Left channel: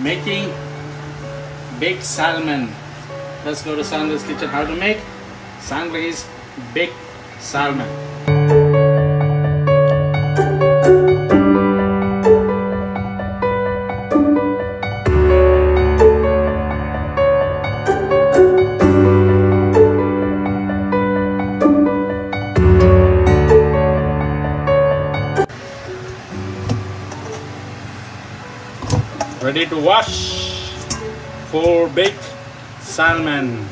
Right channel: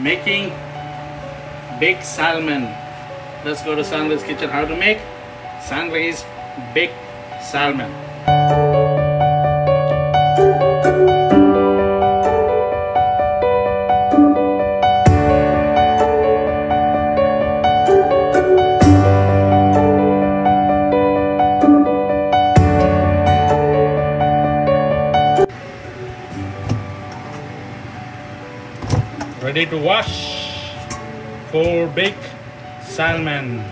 Making baked salmon. Let's go to Sandra's kitchen. How to make Sandra's baked salmon. Ready to wash for baked salmon.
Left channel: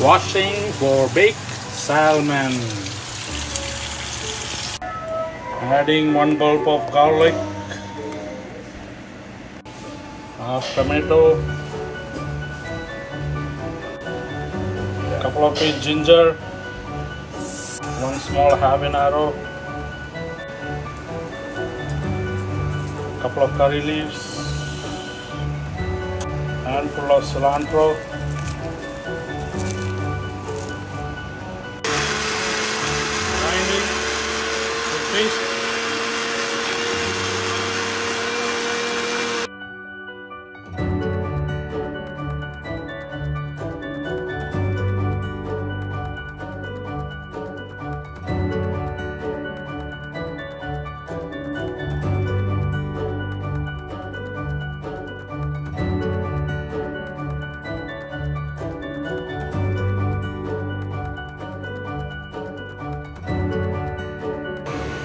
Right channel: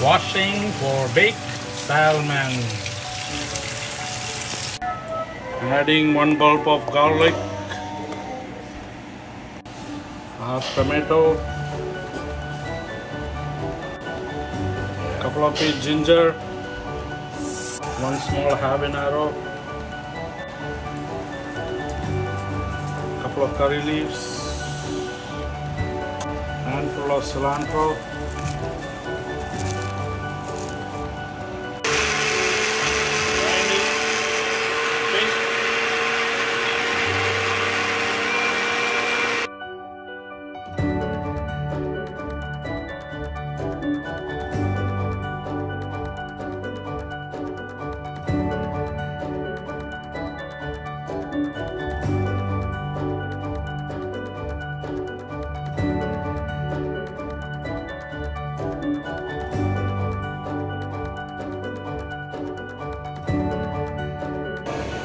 Washing for baked salmon. Adding 1 bulb of garlic, half tomato, couple of bit ginger, 1 small habanero, couple of curry leaves, handful of cilantro,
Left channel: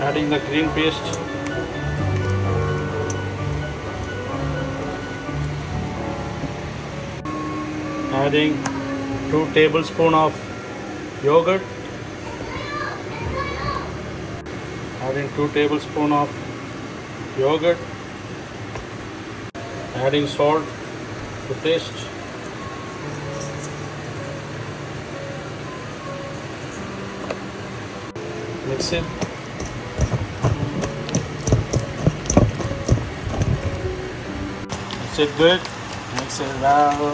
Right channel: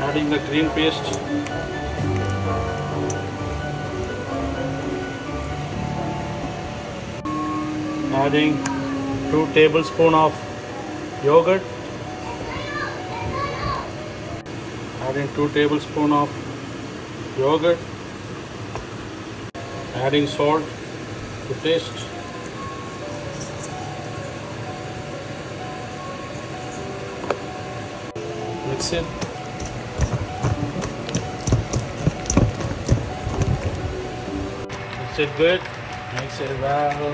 adding the green paste, adding 2 tablespoons of yogurt, adding 2 tablespoons of yogurt, adding salt to taste, mix it. Mix it good, mix it well,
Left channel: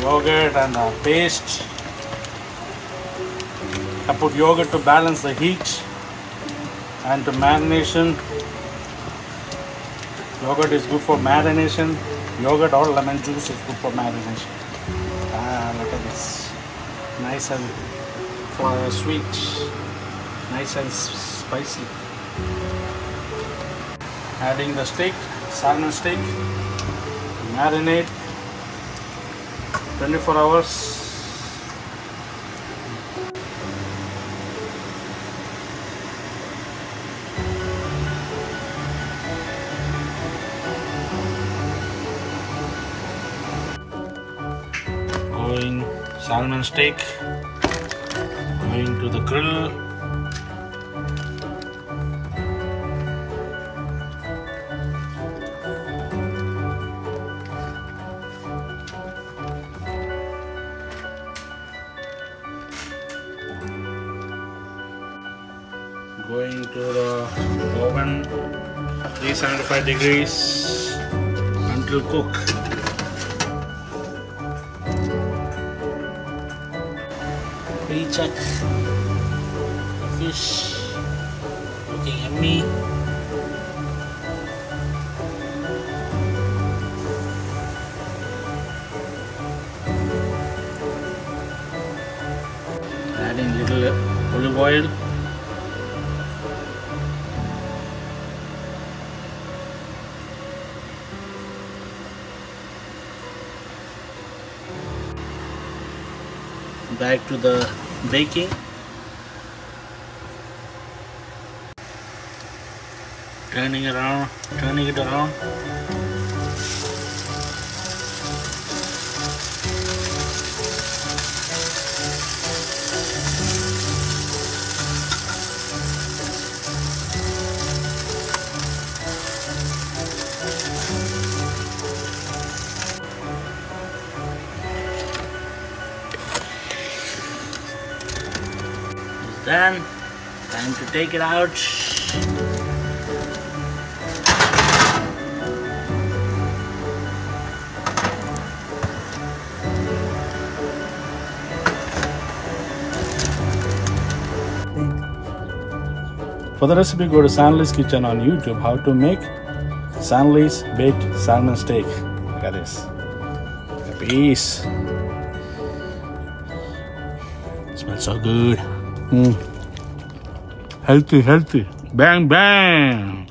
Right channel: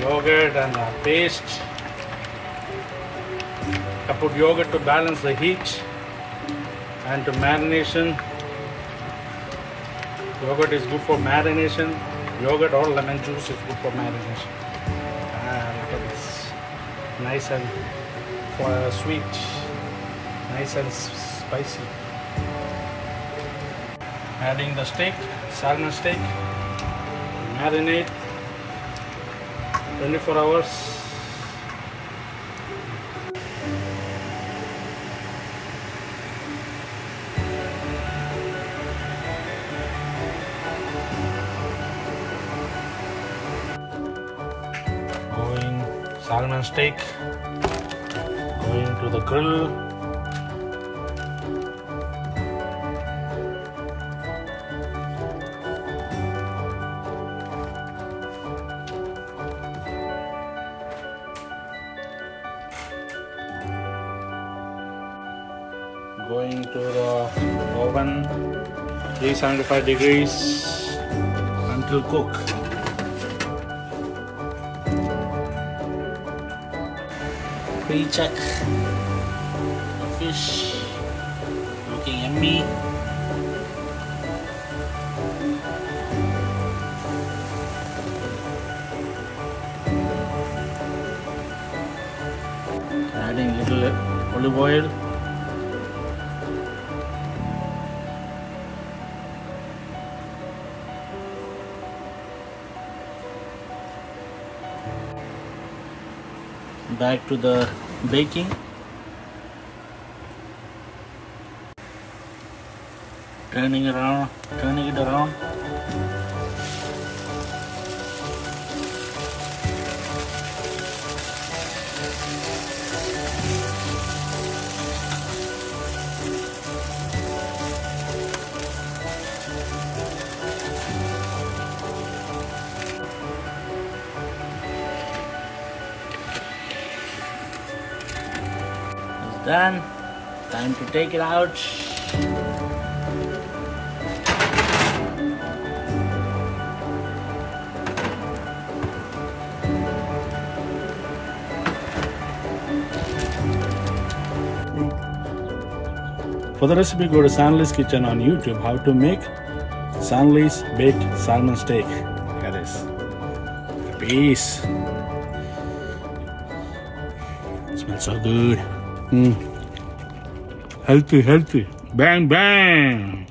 yogurt and the paste. I put yogurt to balance the heat and to marination. Yogurt is good for marination. Yogurt or lemon juice is good for marination. Look at this, nice and for sweet, nice and spicy. Adding the steak, salmon steak. Marinate 24 hours. Salmon steak going to the grill. Going to the oven, 375 degrees until cook. Pre-check the fish, looking yummy. Adding little olive oil. Back to the baking. Turning it around. Done. Time to take it out. For the recipe, go to Stanley's Kitchen on YouTube. How to make Stanley's baked salmon steak. Look at this. A piece. Smells so good. Healthy, healthy. Bang, bang.